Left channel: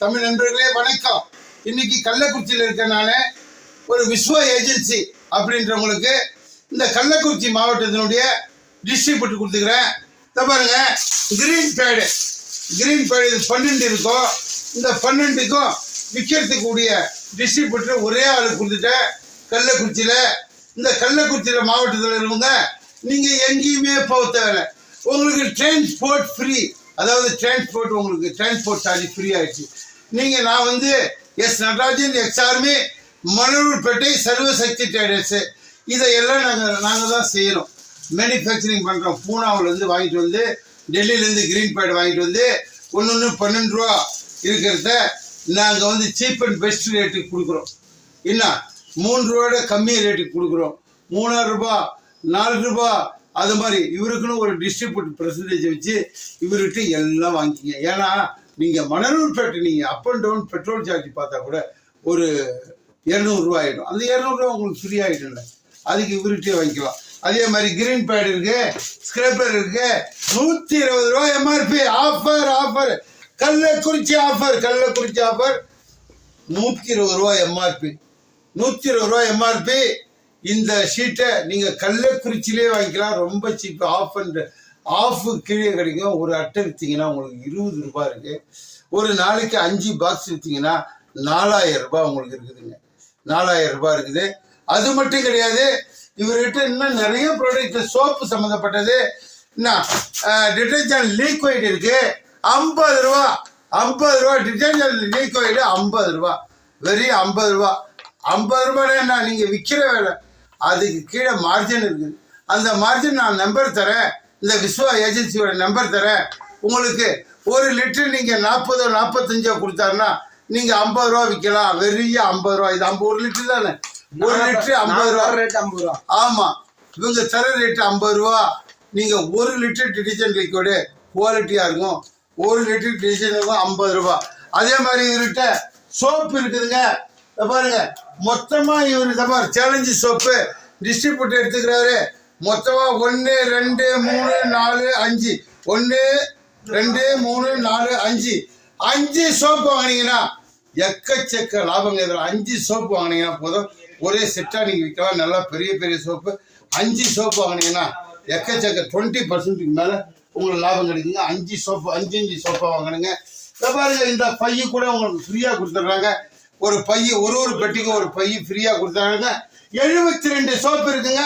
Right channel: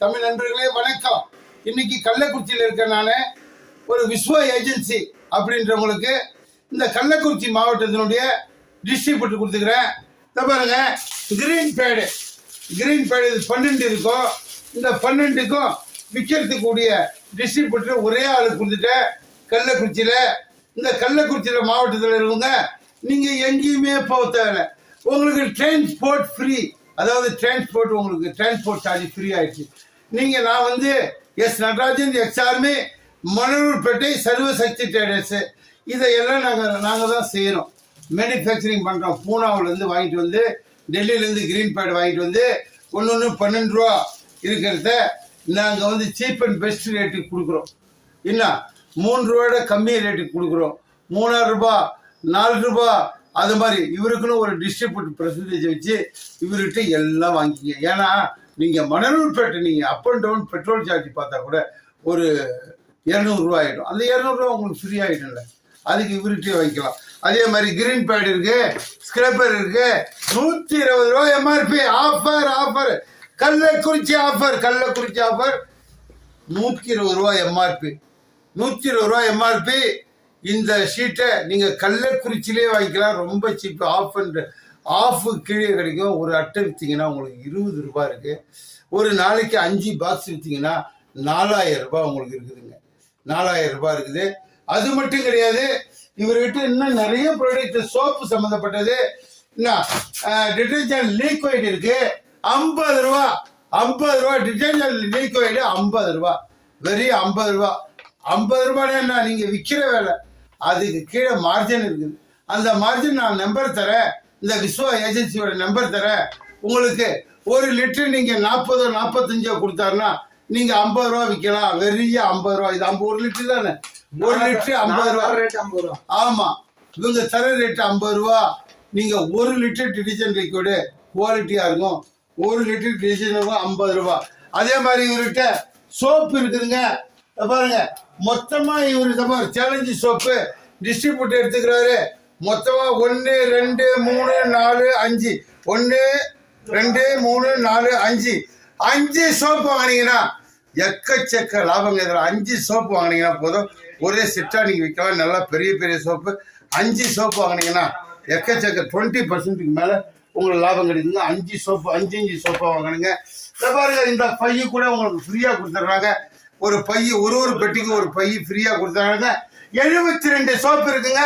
தமிழ் நண்பர்களே வணக்கம். இன்னைக்கு கள்ளக்குறிச்சியில் இருக்கனால ஒரு விஸ்வா ஏஜென்சி அப்படின்றவங்களுக்கு இந்த கள்ளக்குறிச்சி மாவட்டத்தினுடைய டிஸ்ட்ரிபியூட்டர் கொடுத்துக்கிறேன். பாருங்க, கிரீன் பேடு இது 12 இருக்கும். இந்த 12க்கும் விற்கிறதுக்கூடிய டிஸ்ட்ரிபியூட்டர் ஒரே ஆளுக்கு கொடுத்துட்டேன். கள்ளக்குறிச்சியில் இந்த கள்ளக்குறிச்சியில் மாவட்டத்தில் இருக்கவங்க நீங்கள் எங்கேயுமே போக தேவை. உங்களுக்கு டிரான்ஸ்போர்ட் ஃப்ரீ, அதாவது டிரான்ஸ்போர்ட் உங்களுக்கு டிரான்ஸ்போர்ட் சார்ஜ் ஃப்ரீ ஆகிடுச்சு. நான் வந்து S Natarajan, ex army, Manalurpettai, Sarvasakthi traders இதையெல்லாம் நாங்கள் தான் செய்கிறோம். மேனுஃபேக்சரிங் பண்ணுறோம். பூனாவிலேருந்து வாங்கிட்டு வந்து, டெல்லியிலேருந்து கிரீன் பேட் வாங்கிட்டு வந்து ஒன்று 12 ரூபா இருக்கிறத நாங்கள் வந்து சீப் அண்ட் பெஸ்ட் ரேட்டுக்கு கொடுக்குறோம். என்ன 3 ரூபாயோட கம்மியாக ரேட்டுக்கு கொடுக்குறோம். 3 ரூபா 4 ரூபா அது மாதிரி. இவருக்குன்னு ஒரு டிஸ்ட்ரிபியூட் பெர்சன்டேஜ் வச்சு இவர்கிட்ட எல்லாம் வாங்கிக்கிங்க. ஏன்னா நீங்கள் மணலூர்பேட்டை நீங்கள் up and down petrol charge பார்த்தா கூட ஒரு 200 ரூபா ஆகிடும். அந்த 200 ரூபா உங்களுக்கு ஃப்ரீ ஆகிடும்ல, அதுக்கு இவர்கிட்டே வாங்கிக்கலாம். அதே மாதிரி கிரீன் பேட் இருக்கு, ஸ்கிரேப்பர் இருக்கு. 120 ரூபா எம்ஆர்பி. ஆஃபர் கள்ளக்குறிச்சி ஆஃபர் 120 ரூபா எம்ஆர்பி. 120 ரூபா எம்ஆர்பி. இந்த ஷீட்டை நீங்கள் கள்ளக்குறிச்சியிலே வாங்கிக்கலாம். ரொம்ப சீப்பு. ஆஃப் கீழே கிடைக்கும். ஒரு அட்டை விற்றீங்கன்னா உங்களுக்கு 20 ரூபா இருக்குது. ஒரு நாளைக்கு 5 பாக்ஸ் விற்றீங்கன்னா 4000 ரூபாய் உங்களுக்கு இருக்குதுங்க. 4000 ரூபாய் இருக்குது. அது மட்டும் கிடையாது, இவர்கிட்ட இன்னும் நிறைய ப்ராடக்ட், சோப்பு சம்மந்தப்பட்டது, என்ன டிட்டர்ஜென்ட் லீக்வைட் இருக்கு. 50 ரூபா டிட்டர்ஜென்ட் லீக்வைடு 50 ரூபா. வெறும் 50 ரூபா. 50 ரூபாய் என்ன நீங்கள் விற்கிற வேலை. அதுக்கு கீழே மார்ஜின் இருக்குது. அந்த மார்ஜின் நான் நம்பர் தரேன். இந்த விஸ்வா ஏஜென்சியோட நம்பர் தரேன். உங்களுக்கு 1 லிட்டர் நீங்கள் 40 45 கொடுத்தாருன்னா நீங்கள் 50 ரூபா விற்கலாம். வெறிய 50 ரூபா. இது 1 லிட்டர் தானே. 1 லிட்டர் 50 ரூபா. ரேட் 50 ரூபா. ஆமாம், இவங்க தர ரேட்டு 50 ரூபா. நீங்கள் 1 லிட்டர் டிட்டர்ஜென்ட் லிக்விடு குவாலிட்டியாக இருக்கும். 1 லிட்டர் டிட்டர்ஜென்ட் இருக்கும் 50 ரூபா. அதே மாதிரி இவர்கிட்ட சோப்பு இருக்குதுங்க. பாருங்க, மொத்தமாக இவர் சேலஞ்சு சோப்பு டிஸ்ட்ரிபியூட்டர் எடுத்துக்கிறாரு. மொத்தமாக 1 2 3 4 5 1 2 3 4 5 சோப்பு வாங்கினீங்கன்னா எக்கச்சக்க லாபங்க. இதில் 5 சோப்பு வாங்கினீங்கன்னா போதும். ஒரே செட்டாக நீங்கள் விற்கலாம். நல்லா பெரிய சோப்பு. 5 சோப்பு வாங்கினீங்கன்னா எக்கச்சக்க 20% மேலே உங்களுக்கு லாபம் கிடைக்குங்க. 5 சோப்பாக வாங்கினுங்க. பாருங்க, இந்த பைய கூட உங்களுக்கு ஃப்ரீயாக கொடுத்துட்றாங்க. ஒரு பைய ஒரு பெட்டிக்கும் ஒரு பைய ஃப்ரீயாக கொடுத்துட்றாங்க. 72 சோப்பு இருக்குங்க.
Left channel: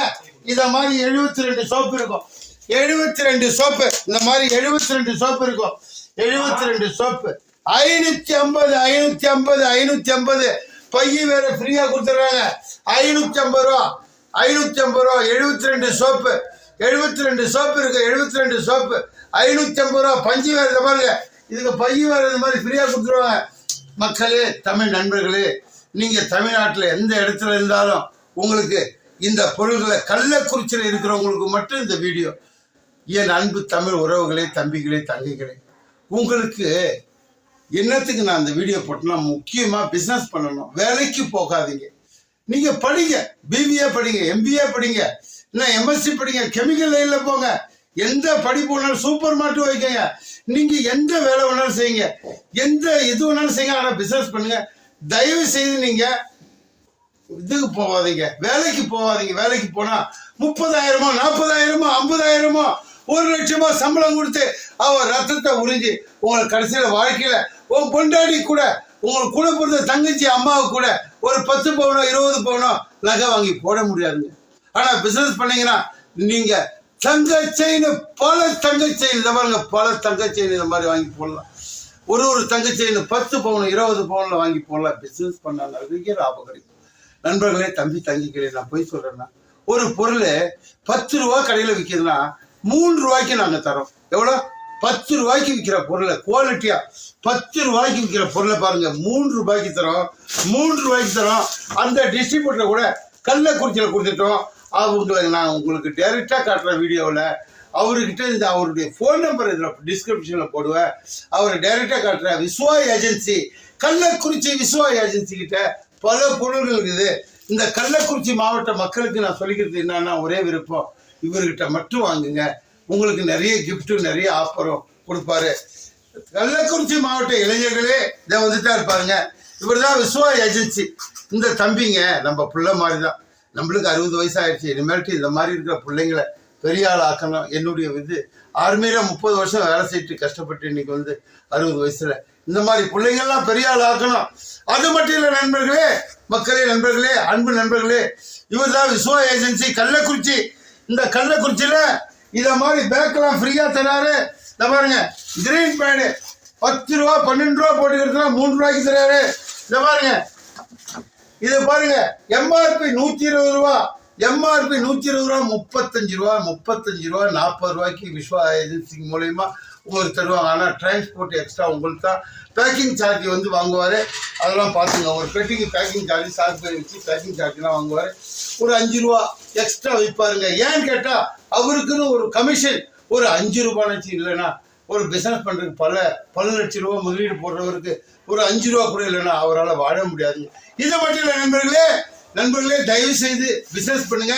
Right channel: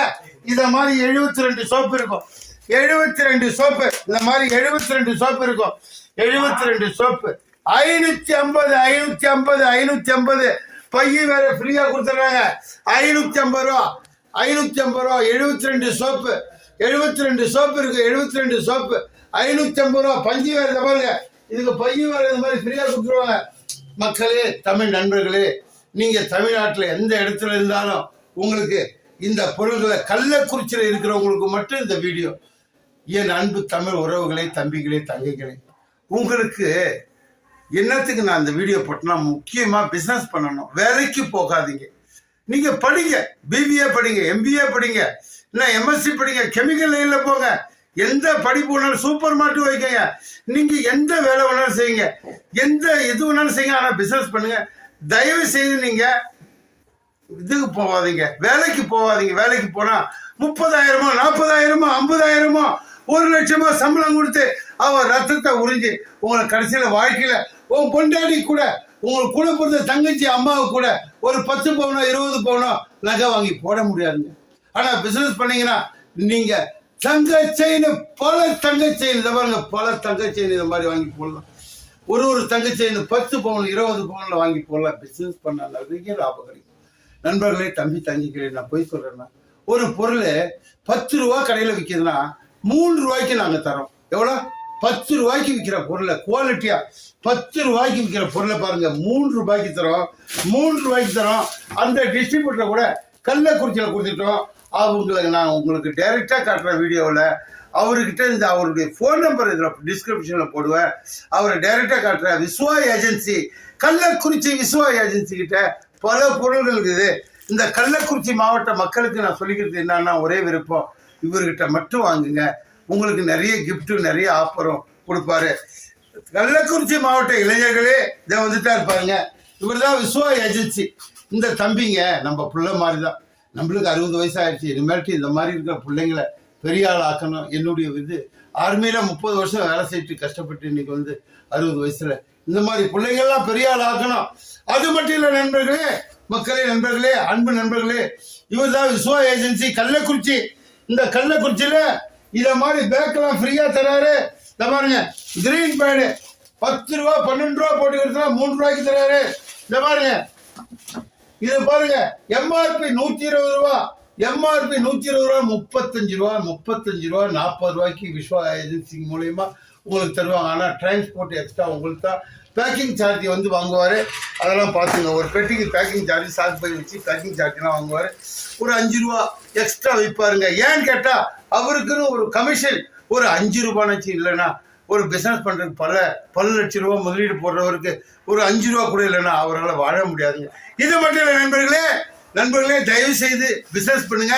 இதை மாதிரி 72 சோப்பு இருக்கும். 72 சோப்பு இந்த மாதிரி 72 சோப்பு இருக்கும். 72 சோப்பு 550 பைய வேற ஃப்ரீயா கொடுத்துறாங்க. 550 ரூபா 72 சோப்பு. 72 சோப்பு இருக்கு. 72 சோப்பு 550 ரூபா. பஞ்சு வேற பாருங்க, இதுக்கு பைய வேற இந்த மாதிரி ஃப்ரீயா கொடுத்துருவாங்க. மக்களே, தமிழ் நண்பர்களே, நீங்க தமிழ்நாட்டில் எந்த இடத்துல இருந்தாலும் உங்களுக்கு இந்த பொருள்களை கள்ளக்குறிச்சியில் இருக்கிறவங்களுக்கு மட்டும் இந்த வீடியோ. என் அன்பு தமிழ் உறவுகளே, தம்பிகளே, தங்கைகளே, உங்களுக்கு என்னத்துக்கு நான் இந்த வீடியோ போட்டேன்னா, முக்கியமாக பிஸ்னஸ் பண்ணணும். வேலைக்கு போகாதீங்க. நீங்கள் படிங்க. பிபிஏ படிங்க, எம்பிஏ படிங்க, இல்லை எம்எஸ்சி படிங்க, கெமிக்கல் லைனில் போங்க. எந்த படிப்பு வேணாலும், சூப்பர் மார்க்கெட் வைக்கங்க. நீங்கள் எந்த வேலை வேணாலும் செய்யுங்க, எந்த இது வேணாலும் செய்யுங்க. ஆனால் பிஸ்னஸ் பண்ணுங்க. தயவு செய்து நீங்கள் இதுக்கு போகாதீங்க, வேலைக்கு போகாதீங்க. வேலைக்கு போனால் 30,000 40,000 50,000 1 லட்சமா சம்பளம் கொடுத்து அவர் ரத்தத்தை உறிஞ்சி உங்களை கடைசியில் வாழ்க்கையில் உங்கள் பொண்டாடி கூட, உங்களுக்கு கூட பிறந்த தங்கச்சி அம்மாவுக்கு கூட ஒரு 10 பவுனோ 20 பவுனோ நகை வாங்கி போட முடியாதுங்க. ஆனால் பிஸ்னஸ் பண்ணீங்கன்னா நீங்கள் தங்க செயின், பல தங்க செயின், இதை பாருங்க, பல தங்க செயின் இதை மாதிரி வாங்கி போடலாம். ஒரு தங்க செயின் 10 பவுன் 20 பவுனில் வாங்கி போடலாம். பிஸ்னஸ் பண்ண நிறைய லாபம் கிடைக்கும். நண்பர்களே, தம்பி தங்கிகளே, நான் போய் சொல்கிறேன்னா, ஒரு பொருள் 10 ரூபா கடையில் விற்கிதுன்னா 3 ரூபாய்க்கு நாங்கள் தரோம். எவ்வளோ? 10 ரூபாய்க்கு விற்கிற பொருளை குவாலிட்டியாக 10 ரூபாய்க்கு விற்கிற பொருளை பாருங்க, 3 ரூபாய்க்கு தரோம். 3 ரூபாய்க்கு தரோம். அந்த டிஸ்ட்ரிபியூட்டரை கூட கள்ளக்குறிச்சியில் கொடுத்துட்டோம். அவங்களுக்கு நான் உங்களுக்கு டைரெக்டாக காட்டுற வீடியோவில் அவர்கிட்ட இந்த அவருடைய ஃபோன் நம்பர் இதில் டிஸ்கிரிப்ஷனில் போடுவேன். அவரை டைரெக்டாக காட்டுற விஸ்வா ஏஜென்சி, கள்ளக்குறிச்சி விஸ்வா ஏஜென்சி கிட்ட பல பொருள்கள் இருக்குது. இந்த கள்ளக்குறிச்சி மாவட்ட மக்களுக்கு நான் சொல்லிக்கிறது என்னன்னா, ஒரே விருப்பம், இவர்கிட்ட மட்டும் வாங்குங்க. உங்களுக்கு நிறைய கிஃப்ட்டு, நிறைய ஆஃபரும் கொடுப்பாரு. கள்ளக்குறிச்சி மாவட்ட இளைஞர்களே இதை வந்துட்டா இருப்பாருங்க. இவர் தான் விஸ்வா ஏஜென்சி. இந்த தம்பிங்க நம்ம பிள்ளை மாதிரி தான். நம்மளுக்கு 60 வயசு ஆயிடுச்சு. இனிமேல்ட்டு இந்த மாதிரி இருக்கிற பிள்ளைங்களை பெரிய ஆள் ஆக்கணும். என்னுடைய ஆர்மியில் 30 வருஷம் வேலை செய்யிட்டு கஷ்டப்பட்டு இன்னைக்கு 60 வயசுல இந்த மாதிரி பிள்ளைங்கள்லாம் பெரிய ஆள் ஆக்கணும். அது மட்டும் இல்லை நண்பர்களே, மக்களே, நண்பர்களே, அன்பு நண்பர்களே, இவர் தான் விஸ்வா ஏஜென்சி கள்ளக்குறிச்சி. இந்த கள்ளக்குறிச்சியில் இதை மாதிரி பேக்கெல்லாம் ஃப்ரீயாக தராரு. பாருங்க, கிரீன் பேடு 10 ரூபா 12 ரூபா போட்டுக்கிறதுனா 3 ரூபாய்க்கு தராரு. இந்த பாருங்க, இது பாருங்க, எம்ஆர்பி 120 ரூபா, எம்ஆர்பி 120 ரூபா, 35 ரூபா, 40 ரூபாய்க்கு விஸ்வா ஏஜென்சி மூலயமா உங்களுக்கு தருவாங்க. ஆனால் டிரான்ஸ்போர்ட் எக்ஸ்ட்ரா உங்களுக்கு தான். பேக்கிங் சார்ஜ் வாங்குவார். அதெல்லாம் பார்த்துங்க. ஒரு பெட்டிக்கு பேக்கிங் சார்ஜ் சாக்கு பை வச்சு பேக்கிங் சார்ஜ்லாம் வாங்குவார். ஒரு 5 ரூபா எக்ஸ்ட்ரா வைப்பாருங்க. ஏன்னு கேட்டால் அவருக்குன்னு ஒரு கமிஷன் ஒரு 5 ரூபானாச்சு இல்லைன்னா ஒரு பிஸ்னஸ் பண்ணுறதுக்கு பல லட்சம் ரூபா முதலீடு போடுறவருக்கு ஒரு 5 ரூபா கூட இல்லைன்னா அவரால் வாழ முடியாதுங்க. இது மட்டும் இல்லை நண்பர்களே, தயவு செய்து பிஸ்னஸ் பண்ணுங்க.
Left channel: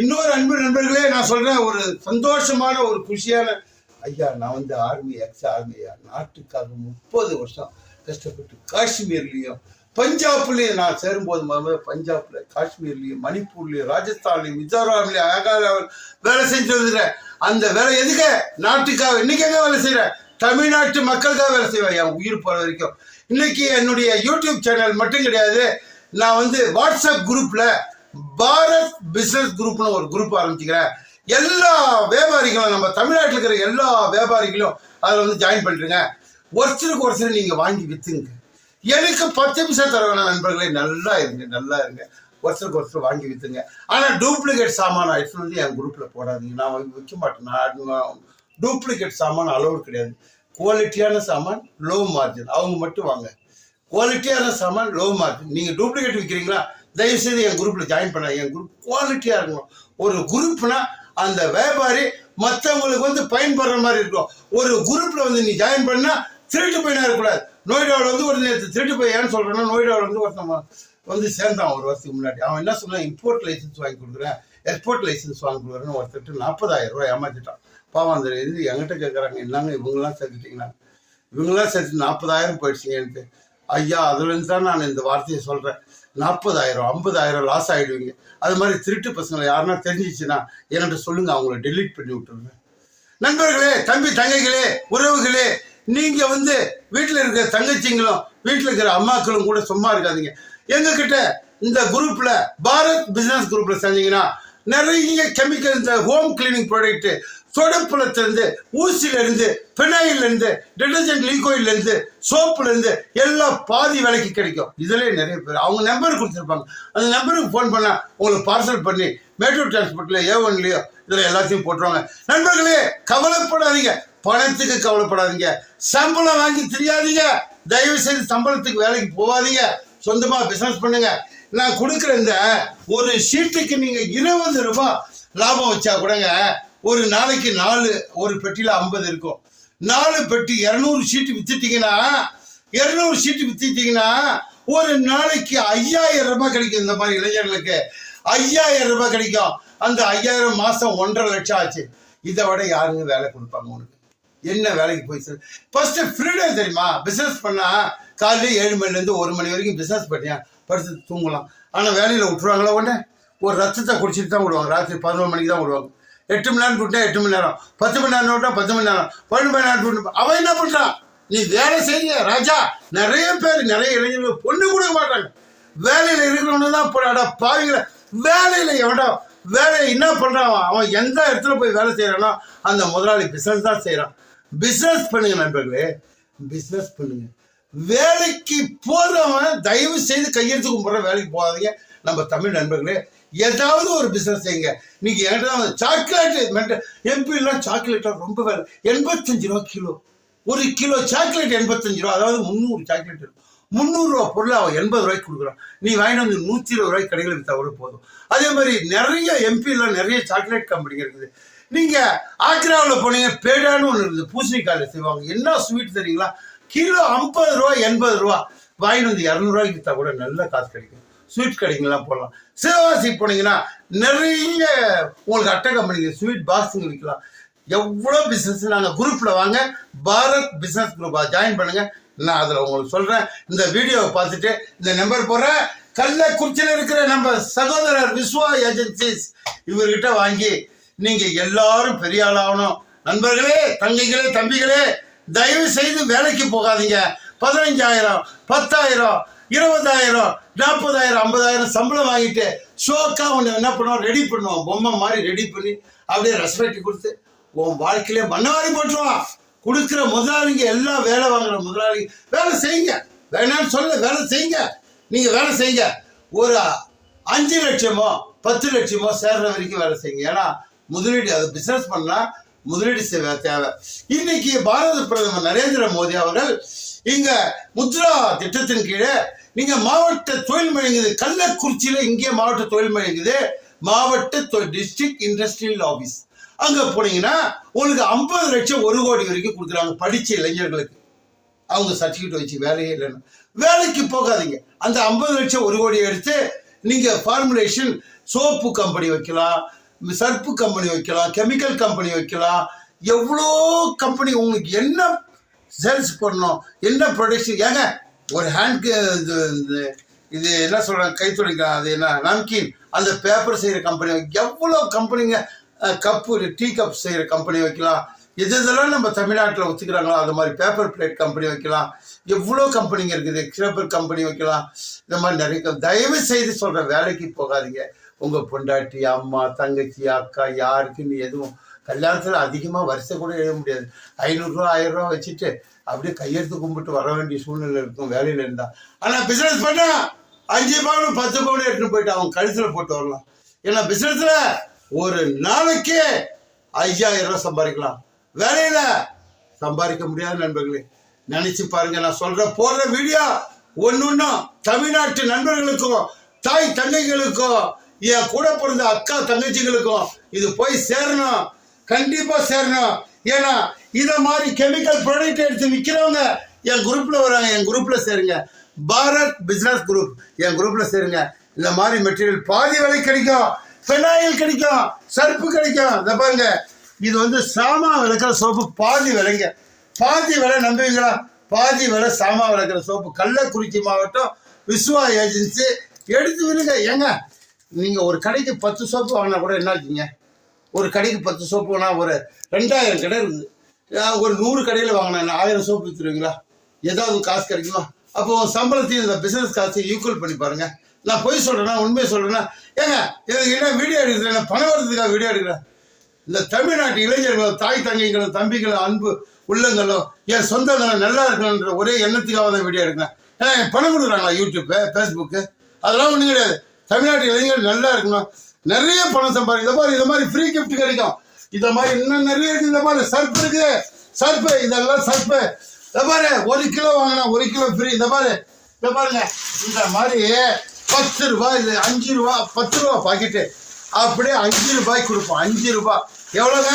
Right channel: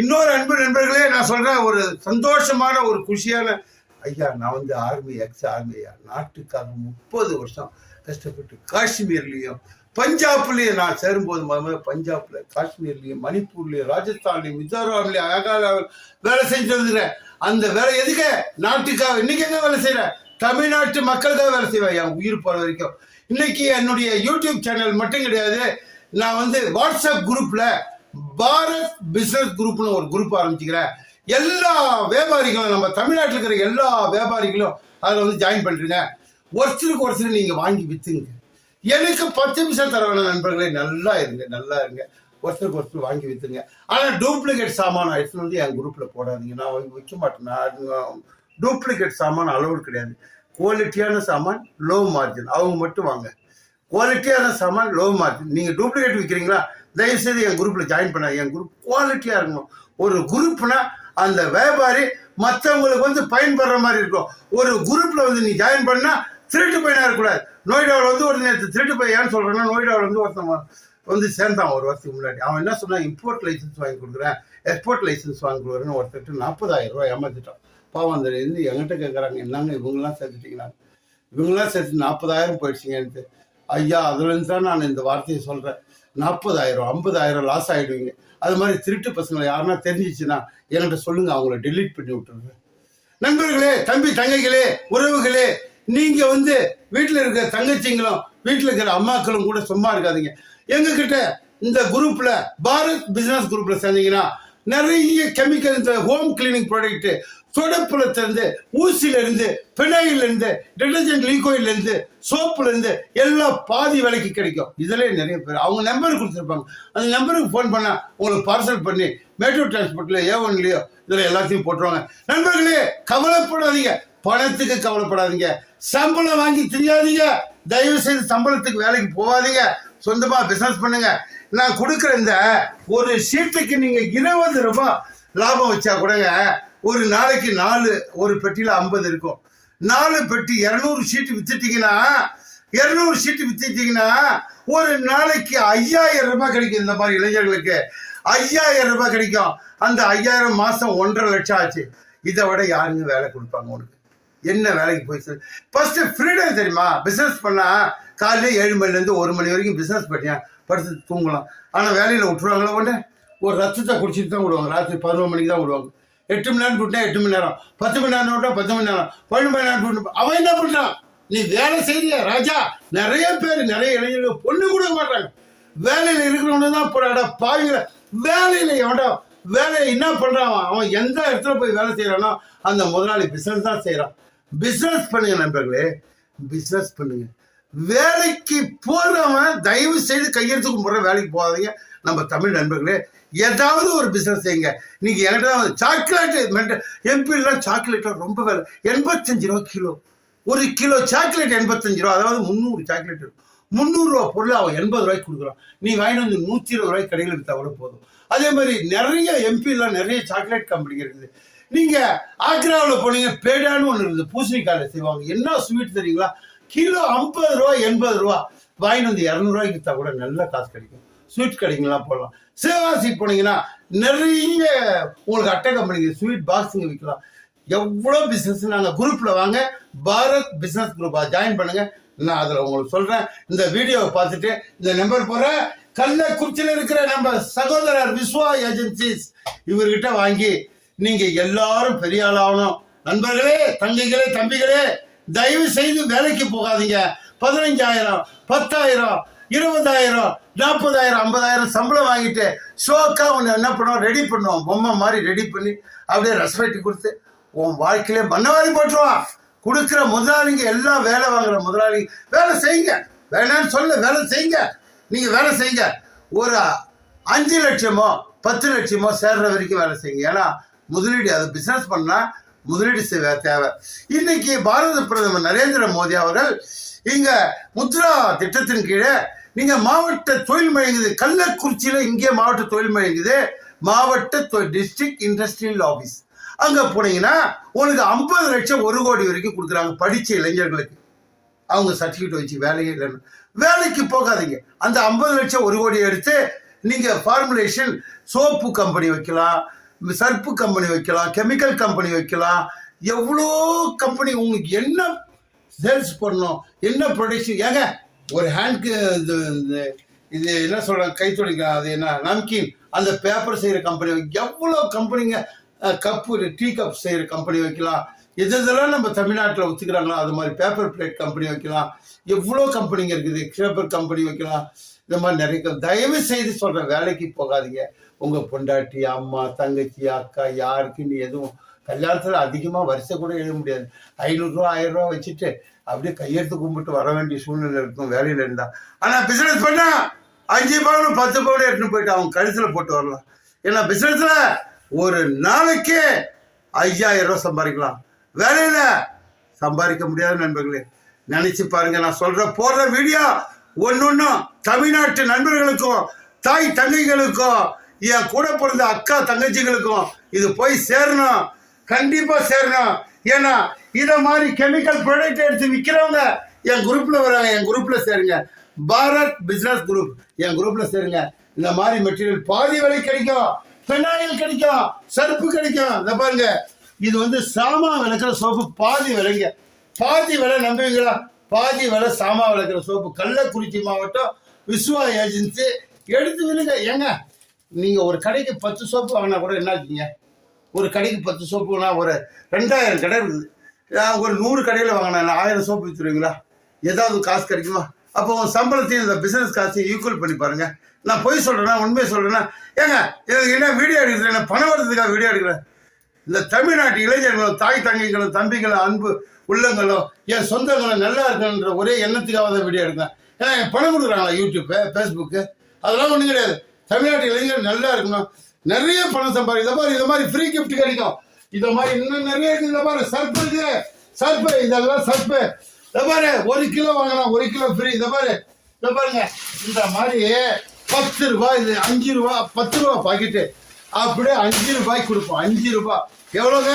இன்னொரு அன்பு நண்பர்களே, நான் சொல்கிறேன், ஒரு சந்தோஷமான ஒரு குஷியான ஐயா, நான் ஆர்மி எக்ஸ் ஆர்மியா, நாட்டுக்காக 30 வருஷம் கஷ்டப்பட்டு காஷ்மீர்லேயும் பஞ்சாப்லேயும் நான் சேரும்போது முதல்ல பஞ்சாப்ல, காஷ்மீர்லேயும், மணிப்பூர்லேயும், ராஜஸ்தான்லேயும், மிசோராம்லேயும் அழகாக வேலை செஞ்சு வந்துடுறேன். அந்த வேலை எதுக்கு? நாட்டுக்காக. இன்னைக்கு எங்கே வேலை செய்கிறேன்? தமிழ்நாட்டு மக்களுக்காக வேலை செய்வேன் என் உயிர் போகிற வரைக்கும். இன்னைக்கு என்னுடைய யூடியூப் சேனல் மட்டும் கிடையாது, நான் வாட்ஸ்அப் குரூப்பில் பாரத் பிஸ்னஸ் குரூப்னு ஒரு குரூப் ஆரம்பிச்சுக்கிறேன். எல்லா வியாபாரிகளும், நம்ம தமிழ்நாட்டில் இருக்கிற எல்லா வியாபாரிகளும் அதில் ஜாயின் பண்ணுறீங்க. ஒருத்தருக்கு நீங்கள் வாங்கி விற்றுங்க. எனக்கு 10 நிமிஷம் தர வேணாம் நண்பர்களே, நல்லா இருங்க. ஒருத்தருக்கு வாங்கி விற்றுங்க. ஆனால் டூப்ளிகேட் சாமான எடுத்துன்னு என் குரூப்பில் போடாதீங்க. நான் விற்க மாட்டேன். நான் டூப்ளிகேட் சாமான் அலோடு கிடையாது. குவாலிட்டியான சாமான், லோ மார்ஜின், அவங்க மட்டும் வாங்க. குவாலிட்டியான சாமான், லோ மார்ஜின். நீங்கள் டூப்ளிகேட் விற்கிறீங்களா, தயவுசெய்து என் குரூப்பில் ஜாயின் பண்ண. என் குரூப் குவாலிட்டியாக இருக்கணும். ஒரு குரூப்னா அந்த வியாபாரி மற்றவங்களுக்கு பயன்படுற மாதிரி இருக்கும். ஒரு குரூப்பில் நீ ஜாயின் பண்ணால் திருட்டு பையனாக இருக்கக்கூடாது. நோய்டாவில் ஒரு நேற்று திருட்டு பையன் ஏன்னு சொல்கிறேன்னா, நோய்டாவில் ஒருத்தன் சேர்ந்தான் ஒரு வருஷத்துக்கு முன்னாடி. அவன் என்ன சொன்னான், இம்போர்ட் லைசன்ஸ் வாங்கி கொடுக்குறேன், எக்ஸ்போர்ட் லைசன்ஸ் வாங்கி கொடுக்குறேன்னு ஒருத்தர் 40,000 ரூபா ஏமாற்றிட்டான். பாவம் அந்த என்கிட்ட கேட்குறாங்க, என்னங்க இவங்கெல்லாம் சேர்த்துட்டிங்களா, இவங்கெல்லாம் சேர்த்து 40,000 போயிடுச்சிங்கன்ட்டு. ஐயா, அதுலேருந்து தான் நான் இந்த வார்த்தையை சொல்கிறேன். 40,000 50,000 லாஸ் ஆகிடுவீங்க. அது மாதிரி திருட்டு பசங்களை யாருன்னா தெரிஞ்சிச்சுன்னா என்கிட்ட சொல்லுங்கள், அவங்கள டெலீட் பண்ணி விட்டுருங்க. நண்பர்களே, தம்பி தங்கைகளே, உறவுகளே, நீங்கள் வீட்டில் இருக்கிற தங்கச்சிங்களும் வீட்டில் இருக்கிற அம்மாக்களும் கூட சும்மா இருக்காதீங்க. எங்ககிட்ட இந்த குரூப்பில் பாரத் பிஸ்னஸ் குரூப்பில் சேர்ந்தீங்கன்னா நிறைய கெமிக்கல், இந்த ஹோம் கிளீனிங் ப்ராடக்ட்டு, சொடப்புலத்திலேருந்து, ஊசியிலேருந்து, பினாயிலேருந்து, டிடர்ஜென்ட் லிக்விட்லேருந்து, சோப்புலேருந்து எல்லாம் பாதி விலைக்கு கிடைக்கும். இதிலே நிறைய பேர் அவங்க நம்பர் கொடுத்துருப்பாங்க. அந்த நம்பருக்கு ஃபோன் பண்ணால் உங்களுக்கு பார்சல் பண்ணி மேட்டூர் டிரான்ஸ்போர்ட்டில் A1லையோ இதில் எல்லாத்தையும் போட்டுருவாங்க. நண்பர்களே, கவலைப்படாதீங்க, பணத்துக்கு கவலைப்படாதீங்க, சம்பளம் வாங்கி தெரியாதீங்க. தயவு செய்து சம்பளத்துக்கு வேலைக்கு போகாதீங்க, சொந்தமாக பிஸ்னஸ் பண்ணுங்க. நான் கொடுக்குற இந்த ஒரு ஷீட்டுக்கு நீங்கள் 20 ரூபாய் லாபம் வச்சா கூடங்க, ஒரு நாளைக்கு 4 ஒரு பெட்டியில் 50 இருக்கும். 4 பெட்டி 200 ஷீட்டு வித்துட்டீங்கன்னா ஒரு நாளைக்கு 5,000 ரூபாய் கிடைக்கும். இந்த மாதிரி இளைஞர்களுக்கு 5,000 ரூபாய் கிடைக்கும். அந்த 5,000 மாதம் 1.5 லட்சம் ஆச்சு. இதை விட யாருங்க வேலை கொடுப்பாங்க உனக்கு? என்ன வேலைக்கு போய் சார்? ஃபர்ஸ்ட் ஃப்ரீடம் தெரியுமா? பிஸ்னஸ் பண்ணால் காலையில் 7 மணிலேருந்து 1 மணி வரைக்கும் பிஸ்னஸ் பண்ணியா படுத்து தூங்கலாம். ஆனால் வேலையில் விட்டுருவாங்களா? உடனே ஒரு ரத்தத்தை குடிச்சிட்டு தான் விடுவாங்க. ராத்திரி 11 மணிக்கு தான் விடுவாங்க. 8 மணி நேரம் விட்டா 8 மணி நேரம், 10 மணி நேரம் விட்டா 10 மணி நேரம், 12 மணி நேரம் விட்டு அவன் என்ன பண்ணுறான்? நீ வேலை செய்ய ராஜா. நிறைய பேர், நிறைய இளைஞர்கள் பொண்ணு கொடுக்க மாட்டாங்க. வேலையில் இருக்கிறவங்க தான் போட பாவிங்கள. வேலையில் எவன்டா வேலையை என்ன பண்ணுறான்? அவன் எந்த இடத்துல போய் வேலை செய்கிறானோ அந்த முதலாளி பிஸ்னஸ் தான் செய்கிறான். பிஸ்னஸ் பண்ணுங்க நண்பர்களே, பிஸ்னஸ் பண்ணுங்க. வேலைக்கு போகிறவன் தயவு செய்து கையெழுத்து கும்பிட்ற வேலைக்கு போகாதீங்க. நம்ம தமிழ் நண்பர்களே, ஏதாவது ஒரு பிஸ்னஸ் செய்யுங்க. நீங்கள் என்கிட்ட தான் சாக்லேட்டு எம்பிலாம் சாக்லேட்லாம் ரொம்ப வேலை. 85 ரூபா கிலோ. ஒரு கிலோ சாக்லேட் 85 ரூபா. அதாவது 300 சாக்லேட் இருக்கும். 300 ரூபா பொருள் அவன் 80 ரூபாய்க்கு கொடுக்குறான். நீ வாங்கிட்டு 120 ரூபாய்க்கு கடையில் விற்றா கூட போதும். அதே மாதிரி நிறைய எம்பிலாம் நிறைய சாக்லேட் கம்பெனிங்க இருக்குது. நீங்கள் ஆக்ராவில் போனீங்க, பேடான்னு ஒன்று இருக்குது, பூசணிக்காயில் செய்வாங்க. என்ன ஸ்வீட் தெரியுங்களா? கிலோ 50 ரூபா 80 ரூபா. வாங்கிட்டு 200 ரூபாய்க்கு விற்றா கூட நல்ல காசு கிடைக்கும். ஸ்வீட் கடைங்கெல்லாம் போடலாம். சிவகாசிக்கு போனீங்கன்னா நிறைய உங்களுக்கு அட்டை கம்பெனிங்க ஸ்வீட் பாக்ஸுங்க விற்கலாம். எவ்வளோ பிஸ்னஸ் நாங்கள் குரூப்பில் வாங்க, பாரத் பிஸ்னஸ் குரூப் ஜாயின் பண்ணுங்கள். நான் அதில் உங்களுக்கு சொல்கிறேன். இந்த வீடியோவை பார்த்துட்டு இந்த நம்பர் போகிறேன். கள்ளக்குறிச்சியில் இருக்கிற நம்ம சகோதரர் விஸ்வா ஏஜென்சிஸ் இவர்கிட்ட வாங்கி நீங்கள் எல்லாரும் பெரிய ஆளாகணும். நண்பர்களே, தங்கைகளே, தம்பிகளே, தயவு செய்து வேலைக்கு போகாதீங்க. 15,000, 10,000, 20,000, 40,000, 50,000 சம்பளம் வாங்கிட்டு ஷோக்கா ஒன்று என்ன பண்ணுவோம், ரெடி பண்ணுவோம். பொம்மை மாதிரி ரெடி பண்ணி அப்படியே ரெஸ்பெக்ட் கொடுத்து உன் வாழ்க்கையிலே மண்ணவாரி போட்டுருவான். கொடுக்குற முதலாளிங்க எல்லாம் வேலை வாங்குற முதலாளிங்க வேலை செய்யுங்க. வேணான்னு சொல்ல, வேலை செய்யுங்க. நீங்கள் வேலை செய்யுங்க. ஒரு 5 லட்சமோ 10 லட்சமோ சேர்ற வரைக்கும் வேலை செய்யுங்க. ஏன்னா முதலீடு, அது பிஸ்னஸ் பண்ணால் முதலீடு தேவை. இன்னைக்கு பாரத பிரதமர் நரேந்திர மோடி அவர்கள் இங்க முத்ரா திட்டத்தின் கீழே நீங்க மாவட்ட தொழில் மையங்குது. கள்ளக்குறிச்சியில இங்கே மாவட்ட தொழில் மையங்குது. மாவட்ட டிஸ்ட்ரிக்ட் இண்டஸ்ட்ரியல் ஆஃபீஸ் அங்க போனீங்கன்னா உங்களுக்கு 50 லட்சம் 1 கோடி வரைக்கும் கொடுக்குறாங்க. படிச்ச இளைஞர்களுக்கு அவங்க சர்டிஃபிகேட் வச்சு வேலையே இல்லைன்னு வேலைக்கு போகாதீங்க. அந்த 50 லட்சம் 1 கோடியை எடுத்து நீங்க ஃபார்முலேஷன் சோப்பு கம்பெனி வைக்கலாம், சர்ப்பு கம்பெனி வைக்கலாம், கெமிக்கல் கம்பெனி வைக்கலாம். எவ்வளோ கம்பெனி உங்களுக்கு என்ன சேல்ஸ் பண்ணணும், என்ன ப்ரொடக்ஷன். ஏங்க ஒரு ஹேண்ட் இது என்ன சொல்கிறாங்க, கைத்தொழில், அது என்ன நம்கின், அந்த பேப்பர் செய்கிற கம்பெனி, எவ்வளோ கம்பெனிங்க, கப்பு டீ கப் செய்கிற கம்பெனி வைக்கலாம். இதெல்லாம் நம்ம தமிழ்நாட்டில் ஒத்துக்கிறாங்களோ அது மாதிரி பேப்பர் பிளேட் கம்பெனி வைக்கலாம். எவ்வளோ கம்பெனிங்க இருக்குது, பேப்பர் கம்பெனி வைக்கலாம். இந்த மாதிரி நிறைய. தயவு செய்து சொல்கிற, வேலைக்கு போகாதீங்க. உங்கள் பொண்டாட்டி, அம்மா, தங்கச்சி, அக்கா, யாருக்குன்னு எதுவும் கல்யாணத்தில் அதிகமாக வருஷம் கூட எழுத முடியாது. 500 ரூபா 1000 ரூபா வச்சுட்டு அப்படியே கையெழுத்து கும்பிட்டு வர வேண்டிய சூழ்நிலை இருக்கும் வேலையில் இருந்தால். ஆனால் பிஸ்னஸ் பண்ணால் 5 பவுன் 10 பவுன் எடுத்துன்னு போயிட்டு அவங்க கழுத்தில் போட்டு வரலாம். ஏன்னா பிஸ்னஸில் ஒரு நாளைக்கு 5000 ரூபா சம்பாதிக்கலாம். வேலையில் சம்பாதிக்க முடியாது. நண்பர்களே, நினச்சி பாருங்க. நான் சொல்கிற போடுற வீடியோ ஒன்றும் தமிழ்நாட்டு நண்பர்களுக்கும் தாய் தங்கைகளுக்கும் என் கூட பிறந்த அக்கா தங்கச்சிகளுக்கும் இது போய் சேரணும். கண்டிப்பாக சேரணும். ஏன்னா இதை மாதிரி கெமிக்கல் ப்ராடக்ட் எடுத்து விற்கிறவங்க என் குரூப்பில் வராங்க. என் குரூப்பில் சேருங்க. பாரத் பிஸ்னஸ் குரூப் என் குரூப்பில் சேருங்க. இந்த மாதிரி மெட்டீரியல் பாதி விலை கிடைக்கும். பெனாயில் கிடைக்கும், சர்ப்பு கிடைக்கும். இதை பாருங்க, இது வந்து சாமா விளக்குற சோப்பு பாதி விலைங்க. பாதி விலை நம்புவீங்களா? பாதி விலை சாமா விளக்குற சோப்பு. கள்ளக்குறிச்சி மாவட்டம் விஸ்வா ஏஜென்சி எடுத்து விழுங்க. ஏங்க நீங்கள் ஒரு கடைக்கு 10 சோப்பு வாங்கினா கூட என்ன ஆச்சுங்க? ஒரு கடைக்கு 10 சோப்பு வாங்கினா ஒரு 2000 கடை இருக்குது. ஒரு 100 கடையில் வாங்கினா 1000 சோப்பு விற்றுருவீங்களா? ஏதாவது காசு கிடைக்குமா? அப்போ சம்பளத்தையும் இந்த பிஸ்னஸ் காசையும் ஈக்குவல் பண்ணி பாருங்கள். நான் பொய் சொல்கிறேன்னா உண்மையை சொல்கிறேன்னா, ஏங்க எனக்கு என்ன வீடியோ எடுக்கிறேன், நான் பணம் வரதுக்காக வீடியோ எடுக்கிறேன். இந்த தமிழ்நாட்டு இளைஞர்களும் தாய் தங்கைகளும் தம்பிகளும் அன்பு உள்ளங்களும் என் சொந்தங்களும் நல்லா இருக்கணுன்ற ஒரே எண்ணத்துக்காக தான் வீடியோ எடுக்கிறேன். ஏன்னா பணம் கொடுக்குறாங்களா யூடியூப்பு, ஃபேஸ்புக்கு, அதெல்லாம் ஒன்றும் கிடையாது. தமிழ்நாட்டு இளைஞர்கள் நல்லா இருக்கணும், நிறைய பணம் சம்பாதிக்கும். இந்த மாதிரி ஃப்ரீ கிஃப்ட் கிடைக்கும். இதை மாதிரி இன்னும் நிறைய இருக்குது. இந்த மாதிரி சர்ப்பு இருக்குது, சர்ப்பு, இதெல்லாம் சர்ப்பு. இந்த மாதிரி 1 கிலோ வாங்கினா 1 கிலோ ஃப்ரீ. இந்த மாதிரி இந்த பாருங்க, இந்த மாதிரி 10 ரூபா, இது 5 ரூபா, 10 ரூபா பாக்கெட்டு அப்படியே 5 ரூபாய்க்கு கொடுப்போம். 5 ரூபா எவ்வளோங்க?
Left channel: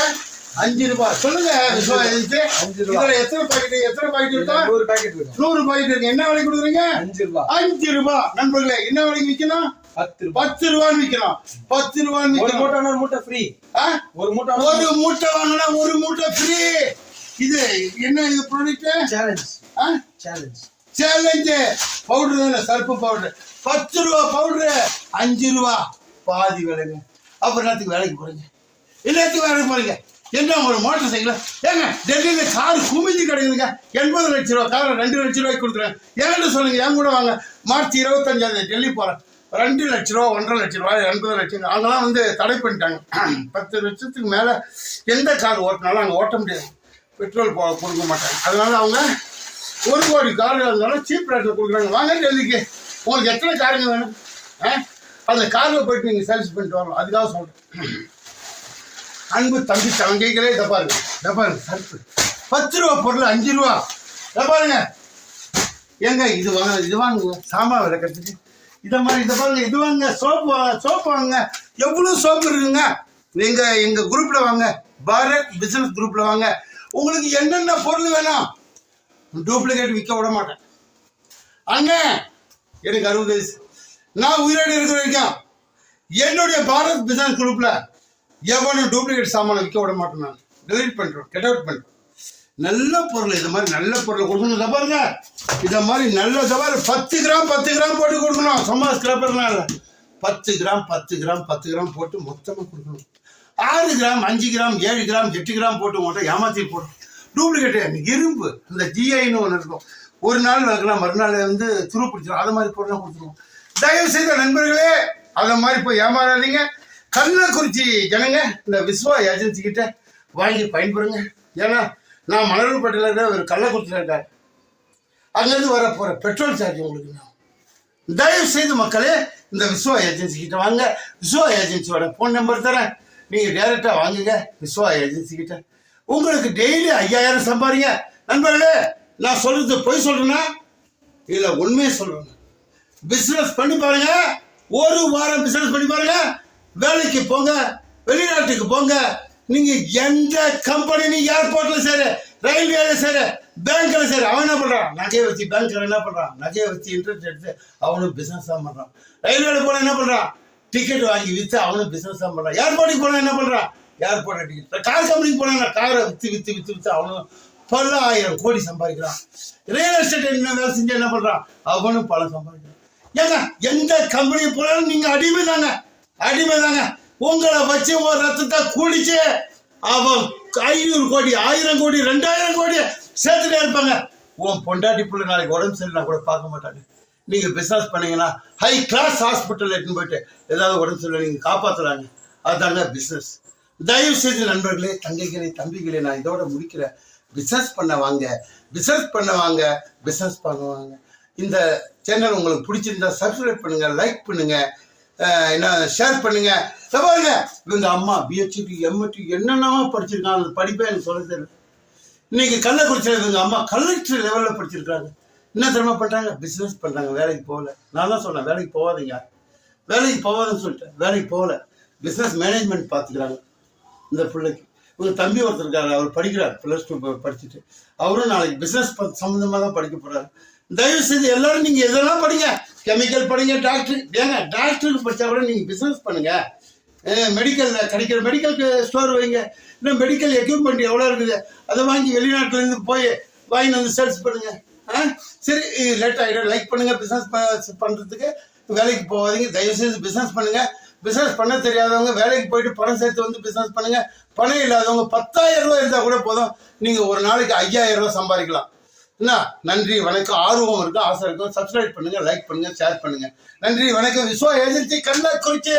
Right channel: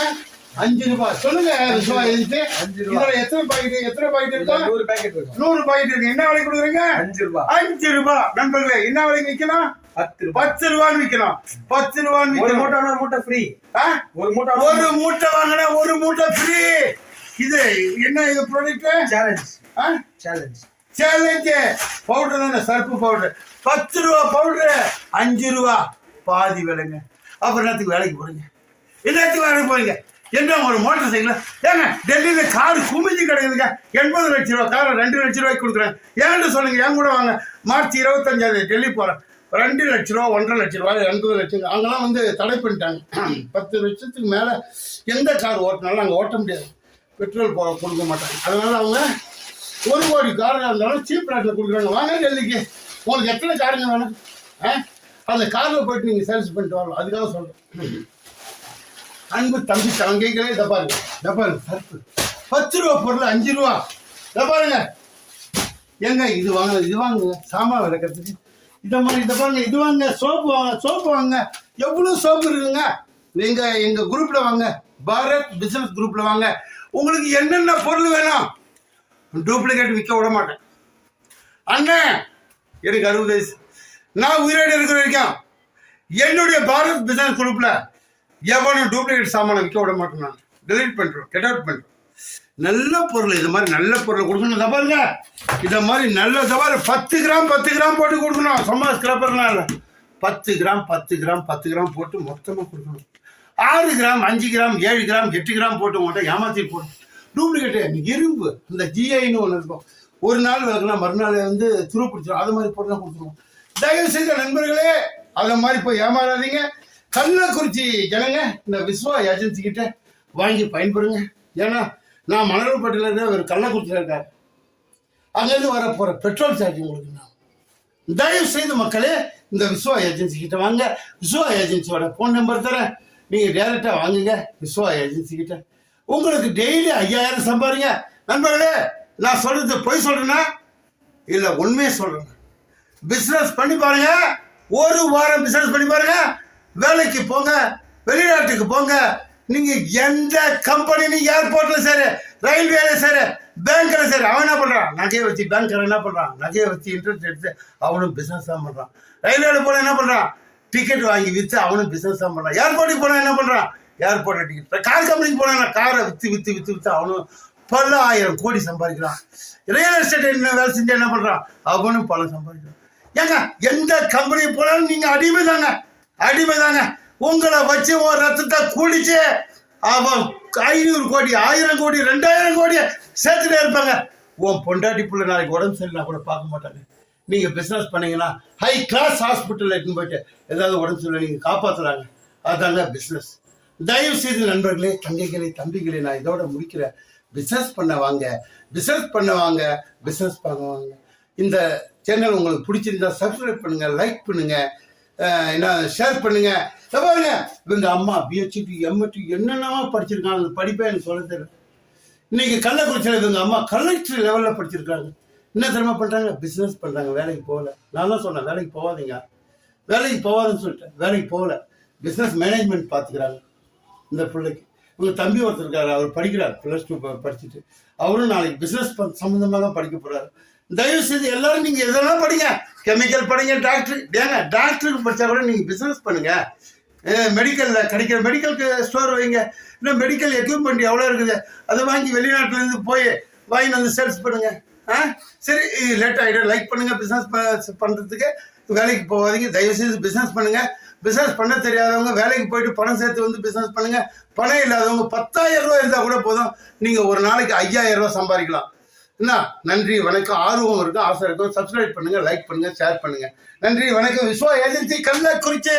5 ரூபா. சொல்லுங்க 5 ரூபா. எத்தனை பாக்கெட் இருக்கா? 100 பாக்கெட் இருக்கு. 100 பாக்கெட் இருக்கு. என்ன விலைக்கு கொடுக்குறீங்க? 5 ரூபா. 5 ரூபா. நண்பர்களே, என்ன விலைக்கு விற்கணும்? 10 ரூபான்னு விற்கணும். 10 ரூபான்னு விற்கணும். ஒரு மூட்டை ஃப்ரீ. ஒரு மூட்டை வாங்கினா 1 மூட்டை ஃப்ரீ. இது என்ன, இது ப்ராடக்ட் சேலஞ்சு பவுடர் தானே, சர்ப்பு பவுடர். 10 ரூபா பவுடரு, 5 ரூபா பாதி விலைங்க. அப்புறம் என்னத்துக்கு வேலைக்கு போறீங்க? என்னத்துக்கு வேலைக்கு போறீங்க? என்ன ஒரு மோட்டர் சைக்கிள் ஏங்க டெல்லியில் கார் குமிஞ்சு கிடைக்குதுங்க. 80 லட்ச ரூபா காரை 2 லட்ச ரூபாய்க்கு கொடுக்குறேன். ஏன்னு சொல்லுங்க, என் கூட வாங்க. மார்ச் 25 டெல்லி போகிறேன். 2 லட்ச ரூபா, 1.5 லட்ச ரூபா, 80 லட்சம். அங்கெல்லாம் வந்து தடை பண்ணிட்டாங்க. 10 லட்சத்துக்கு மேலே எந்த கார் ஓட்டினாலும் அங்கே ஓட்ட முடியாது. பெட்ரோல் கொடுக்க மாட்டாங்க. அதனால அவங்க 1 கோடி கார்கள் இருந்தாலும் சீப் ரேட்டில் கொடுக்குறாங்க. வாங்க டெல்லிக்கு. உங்களுக்கு எத்தனை காருங்க வேணும்? அந்த காரில் போயிட்டு நீங்கள் சேல்ஸ் பண்ணிட்டு வரலாம். அதுக்காக சொல்கிறேன். அன்பு தம்பி தங்கைகளே, இதை பாருங்க சர்ப்பு 10 ரூபா பொருள் 5 ரூபா. இதை பாருங்க. ஏங்க இது வாங்குங்க சாமா விளக்கிறதுக்கு. இதை மாதிரி இதை பாருங்க. இது வாங்க, சோப்பு வாங்க. எவ்வளோ சோப்பு இருக்குங்க. நீங்கள் எங்கள் குரூப்பில் வாங்க, பாரத் பிஸ்னஸ் குரூப்பில் வாங்க. உங்களுக்கு என்னென்ன பொருள் வேணும், டூப்ளிகேட் விற்க விட மாட்டேன். அண்ணன் எனக்கு 60 வயசு. நான் உயிரோடு இருக்கிற வரைக்கும் என்னுடைய பாரத் பிஸ்னஸ் குரூப்பில் எவனும் டூப்ளிகேட் சாமானை விற்க விட மாட்டேன். நான் டெலிட் பண்ணுறோம், கெட் அவுட் பண்ணுறோம். நல்ல பொருள், இது மாதிரி நல்ல பொருளை கொடுக்கணும். இதை பாருங்க, இதை மாதிரி நல்ல தவிர 10 கிராம் போட்டு கொடுக்கணும். சும்மா ஸ்கிராப்பர்லாம் இல்லை, 10 கிராம் போட்டு மொத்தமாக கொடுக்கணும். 6 கிராம் 5 கிராம் 7 கிராம் 8 கிராம் போட்டு உங்கள்கிட்ட ஏமாற்றி போடும். டூப்ளிகேட்டு இரும்பு, இந்த ஜிஐன்னு ஒன்று இருக்கும். ஒரு நாள் விளக்குனா மறுநாள் வந்து துரு பிடிச்சிடும். அது மாதிரி பொருளாக கொடுத்துருவோம். தயவு செய்த நண்பர்களே, அதை மாதிரி போய் ஏமாறாதீங்க. கள்ளக்குறிச்சி ஜனங்க இந்த விஸ்வா ஏஜென்சி கிட்ட வாங்கி பயன்படுங்க. ஏன்னா நான் மணல்பட்டியில் இருக்கிற ஒரு கள்ளக்குறிச்சியில் இருக்காரு, அங்கேருந்து வர போகிற பெட்ரோல் சார்ஜ் உங்களுக்கு நான் தயவு செய்து மக்களே இந்த விஸ்வா ஏஜென்சி கிட்ட வாங்க. விஸ்வா ஏஜென்சியோட ஃபோன் நம்பர் தரேன், நீங்கள் டைரெக்டாக வாங்குங்க விஸ்வா ஏஜென்சி கிட்ட. உங்களுக்கு டெய்லி 5000 சம்பாதிங்க. நண்பர்களே, நான் சொல்றது பொய் சொல்றேன்னா இல்லை உண்மையை சொல்றேன். பிஸ்னஸ் பண்ணி பாருங்க, ஒரு வாரம் பிஸ்னஸ் பண்ணி பாருங்க. வேலைக்கு போங்க, வெளிநாட்டுக்கு போங்க. நீங்க எந்த கம்பெனி, நீங்க ஏர்போர்ட்ல சரி, ரயில்வேல சரி, பேங்க்ல சரி, அவன் என்ன பண்றான்? நகையை வச்சு பேங்க்ல என்ன பண்றான்? நகையை வச்சு இன்ட்ரெஸ்ட் எடுத்து அவனும் பிசினஸ் தான் பண்றான். ரயில்வேல போனா என்ன பண்றான்? டிக்கெட் வாங்கி வித்து அவனும் பிசினஸ் தான் பண்றான். ஏர்போர்ட்டுக்கு போனா என்ன பண்றான்? ஏர்போர்ட்ல டிக்கெட். கார் கம்பெனிக்கு போனா காரை வித்து அவனும் பல 1000 கோடி சம்பாதிக்கிறான். ரியல் எஸ்டேட் என்ன வேலை செஞ்சு என்ன பண்றான்? அவனும் பல சம்பாதிக்கிறான். ஏங்க, எந்த கம்பெனி போனாலும் நீங்க அடிமை தாங்க. உங்களை வச்சு உன் ரத்தத்தை குடிச்சு அவன் 500 கோடி 1000 கோடி 2000 கோடி சேர்த்துட்டே இருப்பாங்க. உன் பொண்டாட்டி புள்ள நாளைக்கு உடம்பு சரியில்லை கூட பார்க்க மாட்டாங்க. நீங்க பிசினஸ் பண்ணீங்கன்னா ஹை கிளாஸ் ஹாஸ்பிட்டல் எடுத்துன்னு போயிட்டு ஏதாவது உடம்பு சரியில்லை நீங்க காப்பாத்துறாங்க. அதுதாங்க பிசினஸ். தயவு செய்து நண்பர்களே, தங்கைகளே, தம்பிகளே, நான் இதோட முடிக்கிறேன். பிசினஸ் பண்ண வாங்க. இந்த சேனல் உங்களுக்கு பிடிச்சிருந்தா சப்ஸ்கிரைப் பண்ணுங்க, லைக் பண்ணுங்க, ஷேர் பண்ணுங்க. பாருங்க, இவங்க அம்மா பிஹெச்டி எம்எட்டி என்னென்னவோ படிச்சிருக்காங்க. அந்த படிப்பை எனக்கு சொல்ல தெரியல. இன்னைக்கு கள்ளக்குறிச்சியில் இவங்க அம்மா கலெக்டர் லெவலில் படிச்சிருக்காங்க. என்ன திறமை பண்ணுறாங்க? பிஸ்னஸ் பண்ணுறாங்க. வேலைக்கு போகல. நான் தான் சொன்னேன் வேலைக்கு போகாதீங்க, வேலைக்கு போகாதுன்னு சொல்லிட்டேன். வேலைக்கு போகல, பிஸ்னஸ் மேனேஜ்மெண்ட் பார்த்துக்கிறாங்க. இந்த பிள்ளைக்கு இவங்க தம்பி ஒருத்தர் இருக்காரு, அவர் படிக்கிறார், +2 படிச்சுட்டு. அவரும் நாளைக்கு பிஸ்னஸ் சம்மந்தமாக தான் படிக்க போகிறாரு. தயவு செய்து எல்லாரும் நீங்கள் எதெல்லாம் படிங்க, கெமிக்கல் படிங்க, டாக்டருக்கு படித்தா கூட நீங்கள் பிஸ்னஸ் பண்ணுங்க. மெடிக்கலில் கிடைக்கிற மெடிக்கல் ஸ்டோர் வைங்க. இன்னும் மெடிக்கல் எக்யூப்மெண்ட் எவ்வளோ இருக்குது, அதை வாங்கி வெளிநாட்டிலேருந்து வாங்கி வந்து சேல்ஸ் பண்ணுங்க. சரி, லேட் ஆகிடும். லைக் பண்ணுங்க. பிஸ்னஸ் பண்ணுறதுக்கு வேலைக்கு போகாதீங்க. தயவுசெய்து பிஸ்னஸ் பண்ணுங்க. பிஸ்னஸ் பண்ண தெரியாதவங்க வேலைக்கு போயிட்டு பணம் சேர்த்து வந்து பிஸ்னஸ் பண்ணுங்க. பணம் இல்லாதவங்க 10,000 ரூபா இருந்தால் கூட போதும், நீங்கள் ஒரு நாளைக்கு 5000 ரூபா சம்பாதிக்கலாம். என்ன? நன்றி, வணக்கம். ஆர்வம் இருக்கும், ஆசை இருக்கும். சப்ஸ்கிரைப் பண்ணுங்க, லைக் பண்ணுங்க, ஷேர் பண்ணுங்க. நன்றி, வணக்கம். விஸ்வா ஏஜென்சி கள்ளக்குறிச்சி.